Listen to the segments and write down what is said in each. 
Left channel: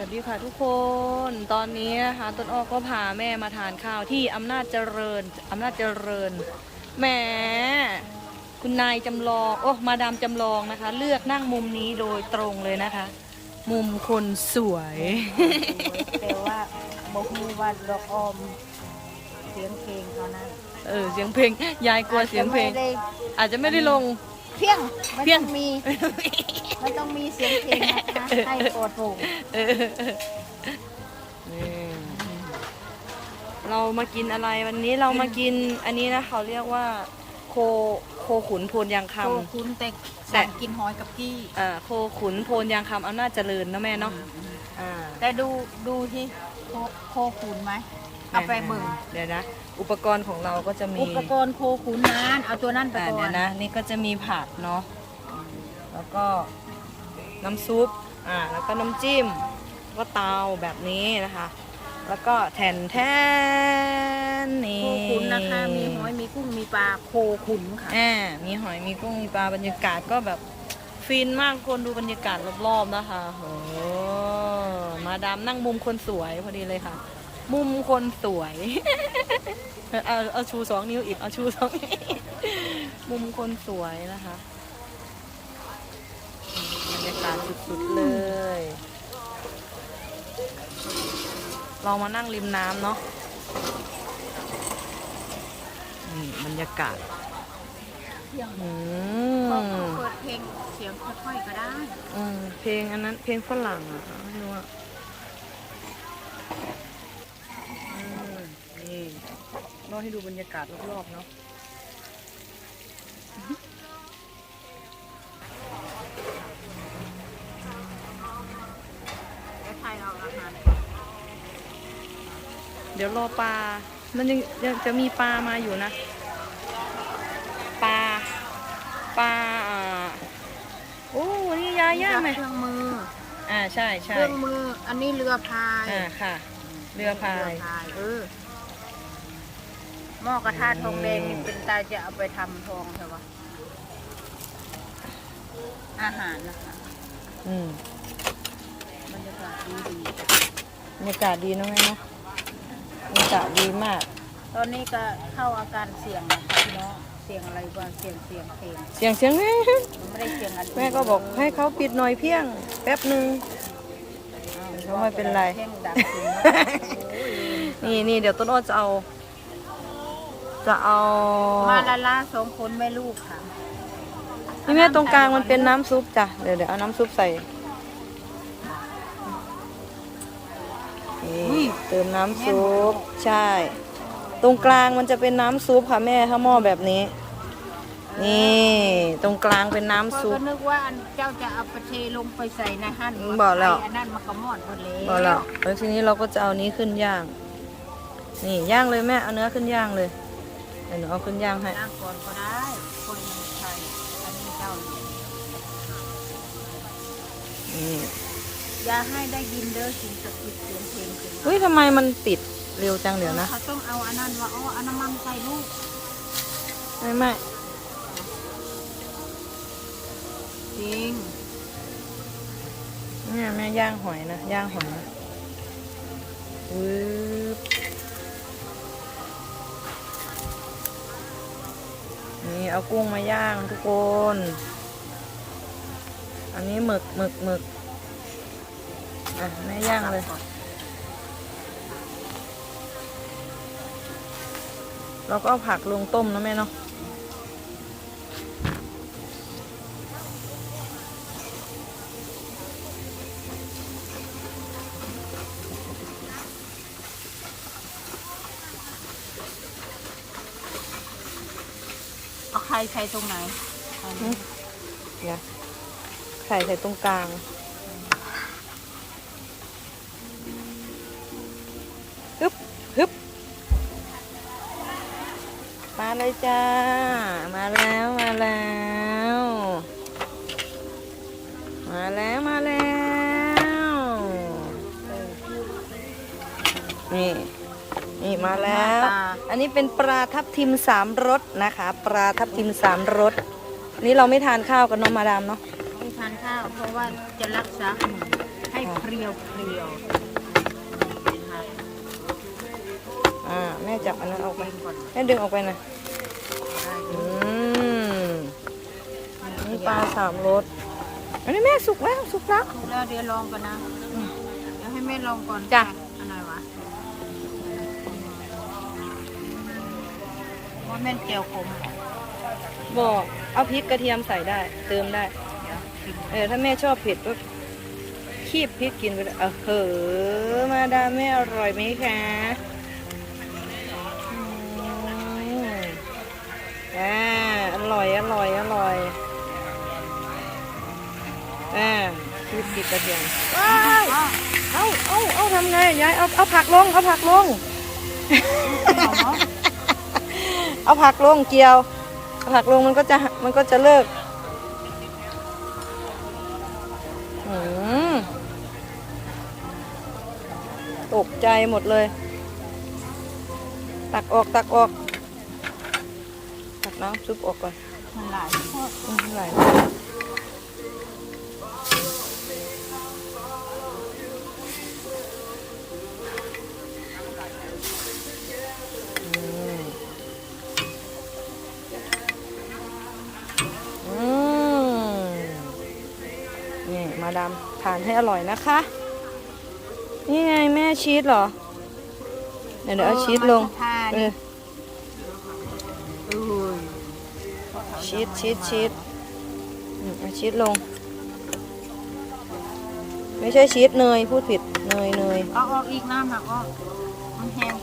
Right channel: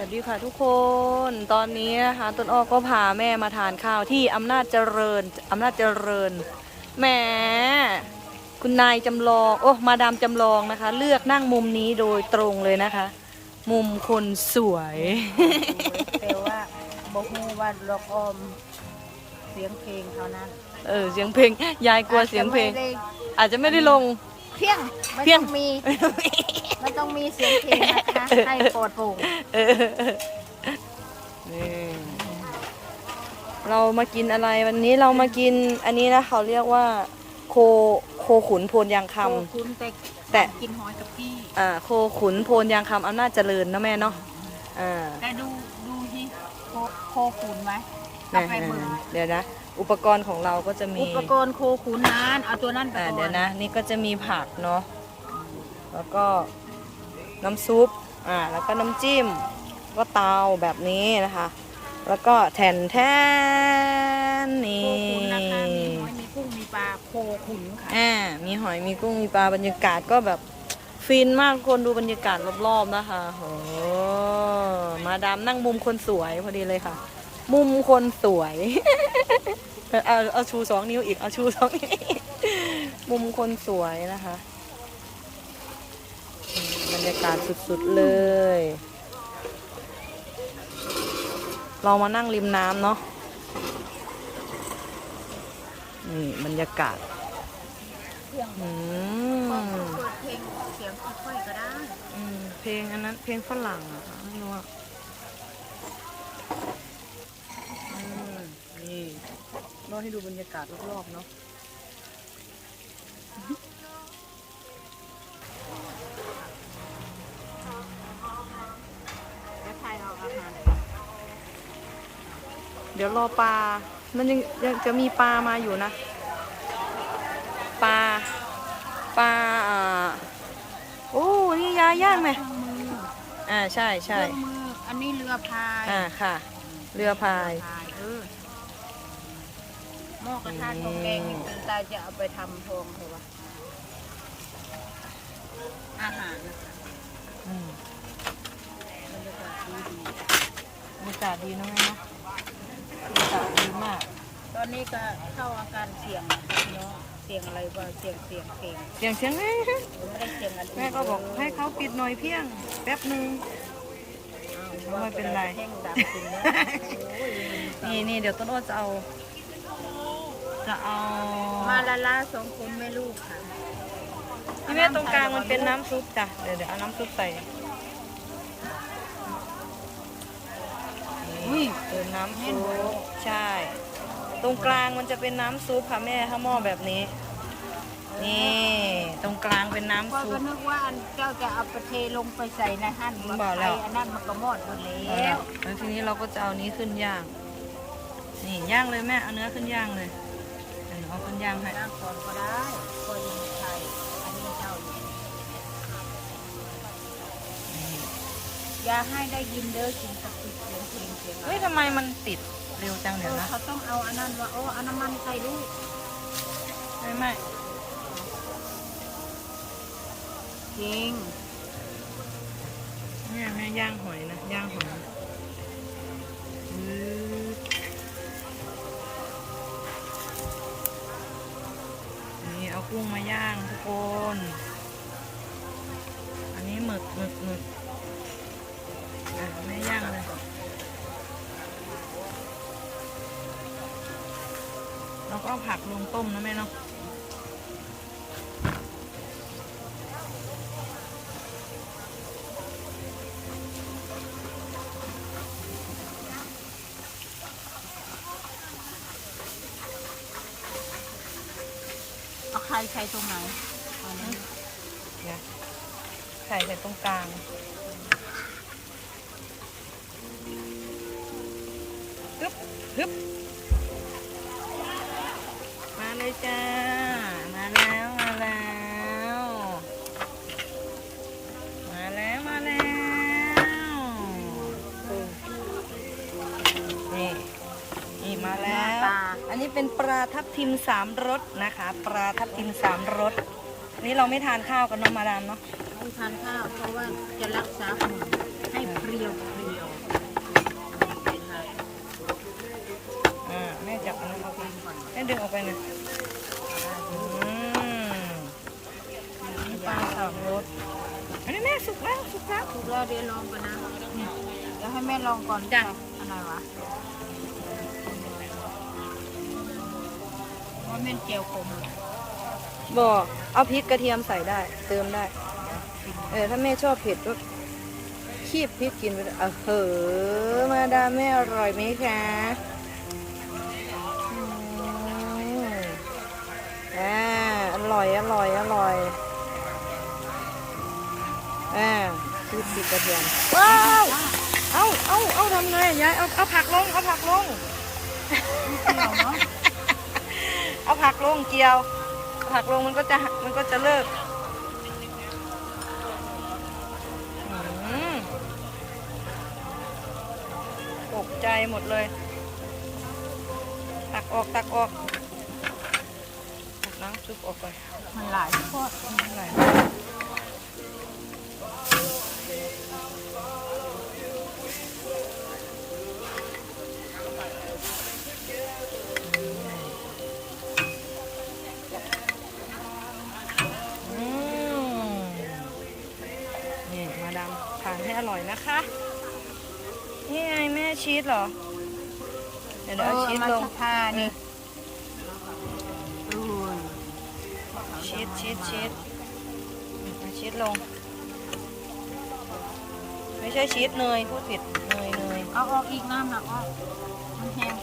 วัสดีค่ะทุกคนตอนนี้นะคะต้นอ้อก็พาแม่มาทานข้าวที่อำนาจเจริญอำนาจเจริญแหมคุณนายจำลองโอ้มาดามจำลองนะคะ เลือกนั่งมุมนี้โดยตรงเลยนะคะ มุมคนสวยแต่ว่าบอกฮูว่าดอกออม เสียงเพลงเขานั้น เออเสียงเพลงยายกลัวเสียงเพลง อาจจะไม่ได้อาจจะไม่ได้ลง เพียงไม่เพี้ยต้งองมีไม่ต้องมีเสียงเพลงนะคะให้โปรดโปร่งเออนี่เรามากินอะไรวันนี้เรามากินอันนี้นะเขาเรียกว่า โคโคขุนโพนยางคำคุณแต่แต่กินหอยกับพี่ อ่าโคขุนโพนยางคำอำนาจเจริญนะแม่เนาะอ่าแต่ดูดูที่โคโคขุนไหมเอาไปเบิ่งเดี๋ยวนะ อุปกรณ์ของเราก็จะมีอุปกรณ์โคขุนนั้นเอาตัวนั้นไปอ่าก่อเดี๋ยวนนะนี่ก็จะมีผักเนาะแล้วก็น้ำซุปอ่าแล้วก็น้ำจิ้มก็เตาแบบนี้นะคะ แล้วก็แทนแทนโคนี่ขุนนะคะมีหอยมีกุ้งมีปลาโคขุนค่ะอ่ามีหอย มีกุ้ง มีปลา บรรยากาศก็แบบฟินมากคนดูบรรยากาศรอบๆนะคะโอ้มาดามนั่งมุมคนสวยพอดีเลยค่ะ มุมคนสวย เอาเอาเอาชูสองนิ้วอีก เอาชูสองนิ้วมุมคนสวยนะคะอืมบรรยากาศสุดๆเลย เรามานั่งริมน้ำเนาะนี่บรรยากาศเสียงอืเขามเปิดเพลงเสียงค่อยๆก็ได้อืมเพลงอันนั้นเพลงฝรั่งอะไม่รู้อะอืมนี่ รอให้ดูบรรยากาศรอบๆเนาะแล้วใครเอาอาหารเดี๋ยวรอปลา มันยังยังจะมีปลามาอยู่นะ ปลา ปลาอ่าโอ้นี่ยาย่างไหมเครื่องมือ อ่า ใช่เคใช่รื่องมือ อันนี้เรือพาย อ่า ค่ะ เรือพายเรือพายเออ หม้อกระทะทองแดงอืมเป็นตาจะเอาไปทำทองเถอะวะอาหารอืมบรรยากาศดีดีบรรยากาศดีเนอะแม่เนาะบรรยากาศดีมากตอนนี้ก็เข้าอาการเสี่ยงนะคะพี่น้องเสี่ยงอะไรบ้างเสี่ยงเสี่ยงเพลงเสียงเสียงแม่หรือไม่ได้เสี่ยงอันอื่นแม่ก็บอกให้เขาปิดหน่อยเพียง แป๊บหนึ่ง อ้าวไม่เป็นไรเพลงดังจริงนะโอ้ย นี่นี่เดี๋ยวต้นอ้อจะเอา จะเอามาละลาสองคนแม่ลูกค่ะนี่แม่ตรงกลางมันเป็นน้ำซุปจ้ะเดี๋ยวเดี๋ยวเอาน้ำซุปใส่นี่เติมน้ำซุปใช่ ตรงกลางมันจะเป็นน้ำซุปค่ะแม่ถ้าหม้อแบบนี้ นี่ ตรงกลางเป็นพ่อน้ำซุปก็นึกว่าอันเจ้าจะเอาไปเทลงไปใส่ในหั่นบอกแล้วไอันนั้นมันก็มอดหมดแล้พอแล้ววแล้วทีนี้เราก็จะเอานี้ขึ้นย่าง นี่ย่างเลยแม่เอาเนื้อขึ้นย่างเลย เดี๋ยวหนูเอาขึ้นย่างให้ย่างก่อนก็ได้คนยังใส่อันนี้เจ้าอยู่นี่อย่าให้ได้ยินเด้อสิ่งศักดิ์สิทธิ์เสียงเพลงเสียงอะไรเฮ้ยทำไมมันติดเร็วจังเอเดี๋ยวอนะเขาต้องเอาอันนั้นว่าอ๋อเอาน้ำมันใส่ลูกแม่แม่จริงนี่แม่ย่างหอยนะย่างหอยปึ๊บ นี่เอากุ้งมาย่างทุกคน อันนี้หมึกหมึกหมึกอะแม่ย่างเลยเราก็เอาผักลงต้มนะแม่เนาะ เอาใค รใส่ตรงไหนอันนี้เนี่ยใส่ใส่ตรงกลางฮึบฮึบมาเลยจ้า มาแล้ว มาแล้วมา นนี้เป็นปลาทับทิมสามรสนะคะ ปลาทับทิมสามรสนี่เราไม่ทานข้าวกันเนาะมาดามเนาะไม่ทานข้าว เพราะว่าจะรักษาหุ่นให้เพรียวเพรียวอ่าแม่จับอันนั้นออกไปดึงก่อนวะแม่ดึงออกไปหน่อยอืมนี่ปลาสามรสอันนี้แม่สุกแล้วสุกแล้วถูกแล้วเดี๋ยวลองกันนะอืมเดี๋ยวให้แม่ลองก่อนจ้ะอันไหนวะ ว่าแม่นเจียวขมเหรอบอกเอาพริกกระเทียมใส่ได้ เติมได้ เดี๋ยวชิมเออถ้าแม่ชอบเผ็ดก็คีบพริกกินไปเลยเออเหอะมาดามแม่อร่อยไหมคะอืมอ่าอร่อยอร่อยอร่อยอ่าคีบพริกกระเทียมว้าวอ้าวเอาเอาเอาทำไงยายเอาเอาผักลงเอาผักลง เอาเนาะ เอาผักลงเกียวเอาผักลงมันก็จะมันก็จะเลิกอืมตกใจหมดเลย ตักออกตักออกตักน้ำซุปออกไปมันหลายข้ออืมใหญ่อื มาดามทานให้อร่อยนะคะ นี่ไงแม่ชีสเหรอ เดี๋ยวเดี๋ยวเอาชีสลงทาเอนี่อเออชีสชีสชีสอืมเอาชีสลง ไม่ใช่ชีสเนยพูดผิดเนยเนยเอาออกอีกน้ำหนักก็มันแห้ง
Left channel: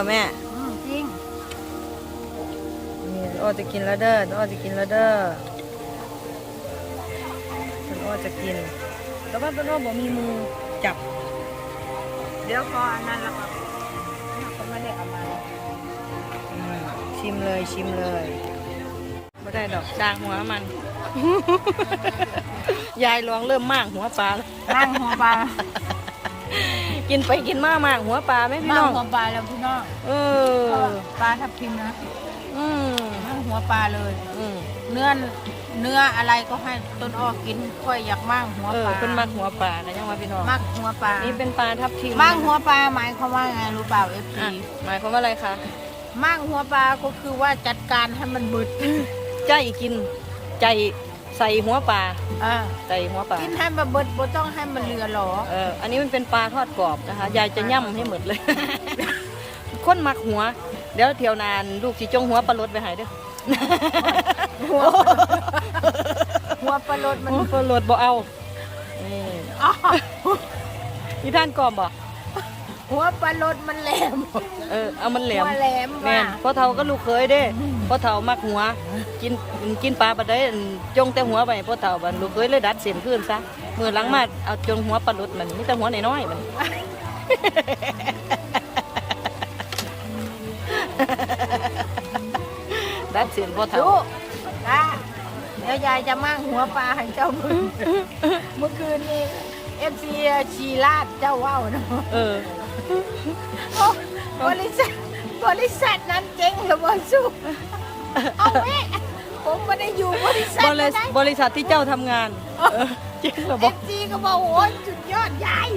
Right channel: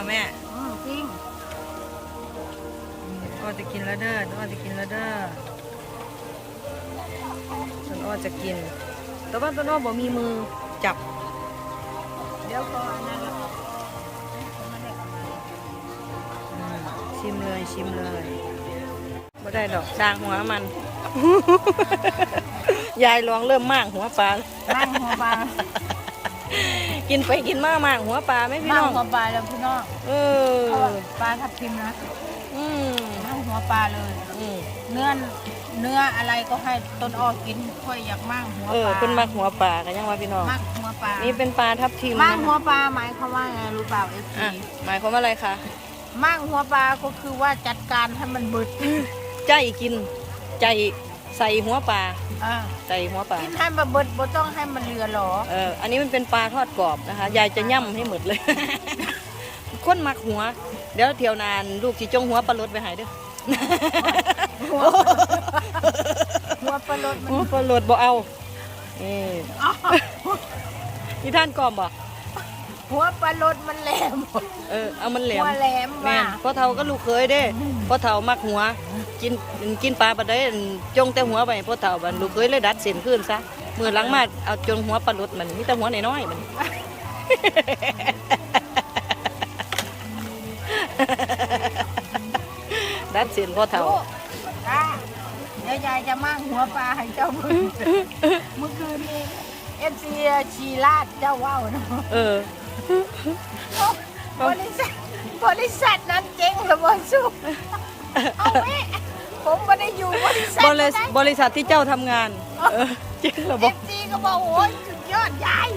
ริงเหรอแม่ อืมจริงนี่โอ้จะกินแล้วเด้อโอ้จะกินแล้วเด้อต้นโอ้จะกิน แต่ว่าต้นโอ้บ่มีมือจับ เดี๋ยวพออันนั้นแล้วก็เขาไม่ได้เอามาอืมชิมเลยชิมเลยไม่ได้ดอกจางหัวมัน ยายลองเริ่มมากหัวปลาแล้วนั่งหัวปลา กินไปกินมากมากหัวปลาไหมพี่นั่น้งองหัวปลาแล้วพี่น้องเอเพราะอว่าปลาทับทิมนะอืมนั่งหัวปลาเลย อืมเนื้อเนื้ออะไรก็ให้ต้นอ้อกินค่อยอยากมั่งหัวเออปลาเป็นมากหัวปลากันยังว่าพี่น้องมักหัวปลานี่เป็นปลาทับทิมมั่งนะหัวคะปลาหมายความว่าไงรู้เปล่าเอฟอะซีหมายความว่าอะไรคะมั่งหัวปลาก็คือว่าจัดการให้มันบึดใจกินใจ ใส่หัวปลาอ่าใส่หัวปลากินให้มันบึดบ่ต้องให้มันเหลือหรอ เอออันนี้มันเป็นปลาทอดกรอบนะคะยายจะย่ำให้หมดเลย คนมักหัว เดี๋ยวเที่ยวนานลูกสิจงหัวปลาลดไปใหายเด้อหัวหัวปลาลดมันหัวปลาลดบ่เอาเอออ้าวนี่ท่านกรอบบ่ หัวปลาลดมันแหลม เออเอามันแหลมหัวแหลมแม่ว่ะนพ่อเฒ่าก็ลูกเคยเด้พ่อเฒ่ามักหัว กินกินปลาปลาได้จงแต่หัวไปพ่อเฒ่าบันลูกเคยเลยดัดเส้นขึ้นซะมือหลังมาเอาจงหัวปลาลดมันมีแต่หัวน้อยๆมัน ดัดเส้นพ่อเฒ่า ลูกตาเดี๋ยวยายจะมั่งหัวปลาให้เจ้ามึงเมื่อคืนนี้เอฟซีชีลาดเจ้าว่าวนะเออโอ้ บริษัทบริษัทนั้นเจ๊งระเบิดสู้เอาแม่ผมไม่ได้อยู่บริษัทบรินะษัทบริษัทที่เจ้าทำงานเออเจ๊งเหรอเอบอกฟซีก็บอกโอ้ยสุดยอดยาย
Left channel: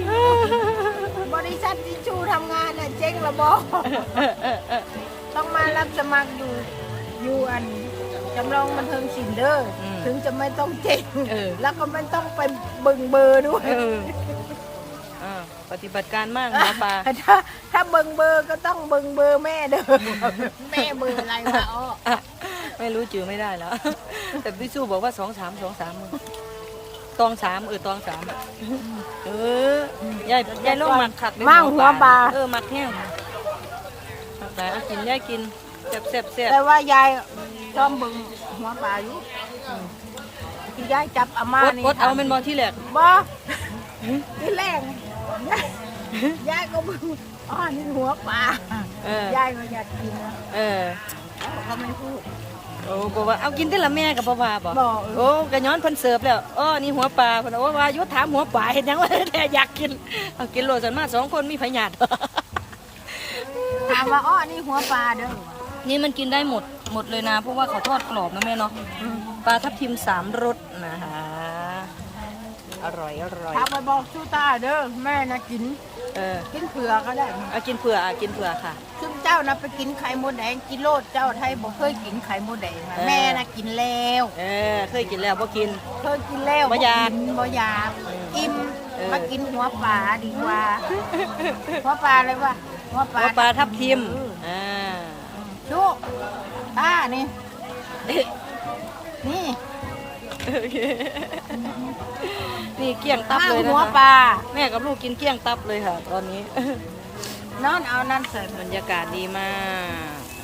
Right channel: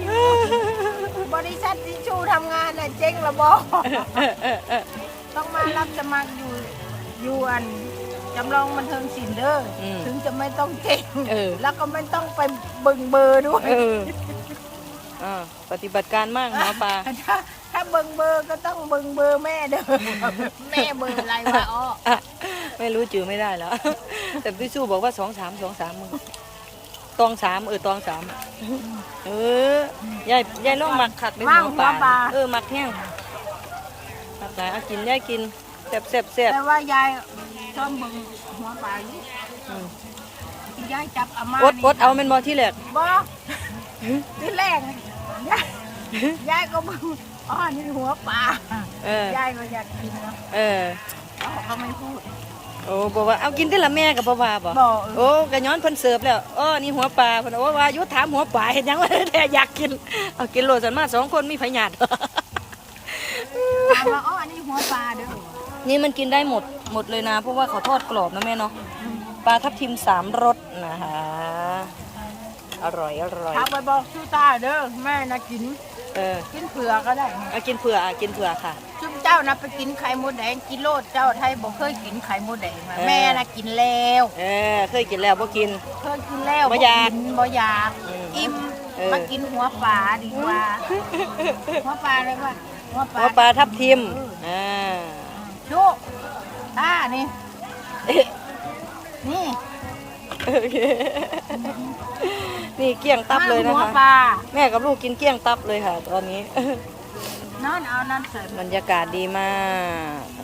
บริษัทที่ชูทำงานน่ะเจ๊งระบอกเออเออเออต้องมารับสมัครอยู่อยู่อันจำลองบันเทิงศิลป์เด้ออมถึงจะไม่ต้องเจ๊งเออ แล้วก็ไม่ต้องไปเบิ่งเบอร์ด้วย เออ อ่าปฏิบัติการมากหมอปลา ถ้าถ้าเบิ่งเบอร์ก็ต้องเบิ่งเบอร์แม่เด้อ แม่เบอร์อะไรวะอ้ออะไม่รู้จือไม่ได้แล้ว แต่พี่สู้บอกว่าสองสามสองสามมึงตองสามเออตองสามเออยายยายลองหมักขัดในหัวปลาเออหมักแห้งหมักหลายเอากินยายกินแซ่บแซ่บแซ่บแต่ว่ายายชอบเบิ่งหัวปลาอยู่อืมที่ยายจับเอามาอดอดเอาเป็นบอที่เหลือบ่ ที่แรกนะยายยายก็บึงอ๋อนี่หัวปลาเออยายก็อยากกินนะเออเขาเขาไม่พูด โอ้บอกว่าเอากินได้ละแม่กับบ่ว่าบ่บ่โอ้กะย้อนเพิ่นเสิร์ฟแล้วอ้อนี่หัวปลาเพิ่นว่าว่าอยุถามหัวปลาเห็นยังว่าแต่อยากกินเอากินโลดสันมาสองคนมีพยาธิ ถามว่าอ๋อนี่หัวปลาเด้อนี่มันกินได้หมดหมดเลยนะ เพราะว่าเขาทอดกรอบนะแม่เนาะปลาทับทิมสามรสนะคะ อร่อยอร่อยถามไปบอกชูตาเด้อแม่นะกิน เออกินเผือกก็ได้เอากินเผื่ออะกินเผื่อค่ะ ซึ่งเจ้านะไปกินไข่มดแดงกินโลดเจ้าไทยบอกเคยกินไข่มดแดงนะเออ แม่นะกินแล้ว เออเคยกินแล้วบ่กิน เคยกินแล้วบ่อยากนบ่อยากเอออิ่มเออ มากินหัวปลาดีกว่า หัวปลาเลยว่าหัวปลาหัวปลาทับทิมเอออ่าชุตานี่ นี่ นี่เกลี้ยงตับเลยนะหัวคะ ปลาแม่กับลูกกินเกลี้ยงตับเลยค่ะ ตอนนี้นั่นเอานั่นใส่ บรรยากาศดีมากนี่